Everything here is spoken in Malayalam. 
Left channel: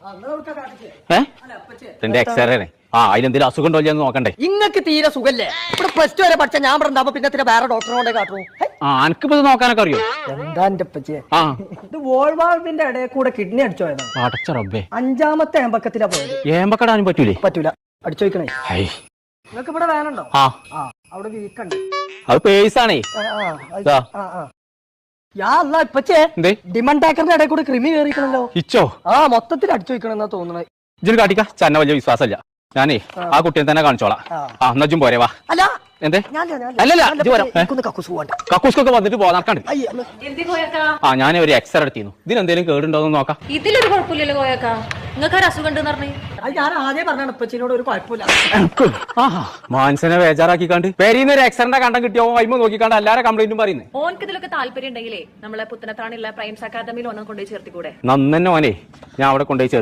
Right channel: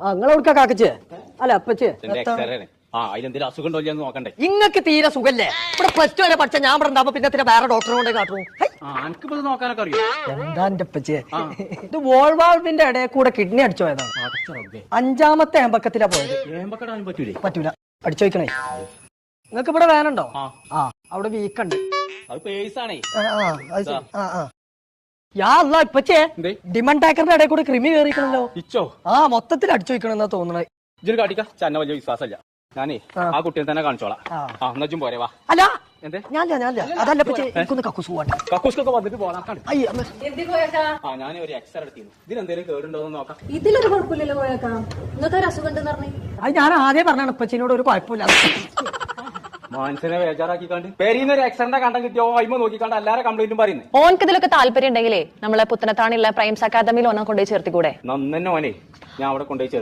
നിങ്ങളെവിടുക്കാ കാക്കച്ചേ അല്ല അപ്പച്ചേ എക്സ്റേ അതിനെന്തെങ്കിലും അസുഖം ഉണ്ടോ എന്ന് നോക്കണ്ടേ? ഇങ്ങക്ക് തീരെ സുഖല്ലേ? പ്ലസ് ടു വരെ പഠിച്ച ഞാൻ പറഞ്ഞ പിന്നെ വേറെ ഡോക്ടറോടെ കാട്ടു. എനിക്കിപ്പോ നോക്കാനൊക്കെ അറിയോ? എന്താ എന്റെ അപ്പച്ചേ, ഇത് വോൾവാൾവിന്റെ ഇടയിൽ കൂടെ കിഡ്നി അടിച്ചു പോയതാണ്. അടച്ച റബ്ബേ, 5ാമത്തെ ഏമ്പക്കത്തിലാ പോയത്. ഏമ്പക്കടാനും പറ്റൂലേ? പറ്റൂല, അടിച്ചു വയ്ക്കണേ. നിങ്ങൾക്ക് ഇവിടെ വേനുണ്ടോ? അവിടെ വീക്കുണ്ട്. അത് പേഴ്സാണേ. ഇപ്പച്ചേ ഡിമണ്ട് ടാക്കറിന്റെ ഇടയിൽ കൂടെ ക്രിമി കയറിക്കണല്ലോ. ഇച്ചോ? മൊത്തത്തിൽ അടിച്ചു വയ്ക്കണെന്നാ തോന്നണേ. ഇജ്ജൊരു കാട്ടിക്ക, ചന്ന വലിയ വിശ്വാസമില്ല. ഞാനേ ആ കുട്ടിയെ തന്നെ കാണിച്ചോളാം. എന്നജും പോരെ വാ. എന്തേ? കക്കൂസ്കൊക്കെ വന്നിട്ട് പോകാൻ ഞാൻ ഒരു എക്സ്റേ എടുത്തിരുന്നു. ഇതിനെന്തേലും കേടുണ്ടോന്ന് നോക്കാം. ഇതിലൊരു കുഴപ്പമില്ലല്ലോ കോയക്ക, നിങ്ങൾക്ക് ഒരു അസുഖം ഉണ്ടെന്ന് പറഞ്ഞു. ഞാൻ ആദ്യം പറഞ്ഞാണ് ഇപ്പച്ചിനോട് ഒരു കുഴപ്പമില്ല. മാനസിനെ ബേജാറാക്കിക്കാണ്ട് പേരീന്ന് ഒരു എക്സ്റേ കണ്ടം കിട്ടിയോ വൈമ നോക്കിക്കാണ്ട് എല്ലാരും കംപ്ലൈന്റും പറയുന്നത്. ഓനക്ക് ഇതിലൊക്കെ താല്പര്യം ഉണ്ടെങ്കിലേ നമ്മളെ പുത്തനത്താണിയുള്ള പ്രൈംസ് അക്കാദമിയിൽ ഓനെ കൊണ്ടുപോയി ചേർത്തിക്കൂടെ? നന്നെ ഓനെ ഞാൻ അവിടെ കൊണ്ടുപോയി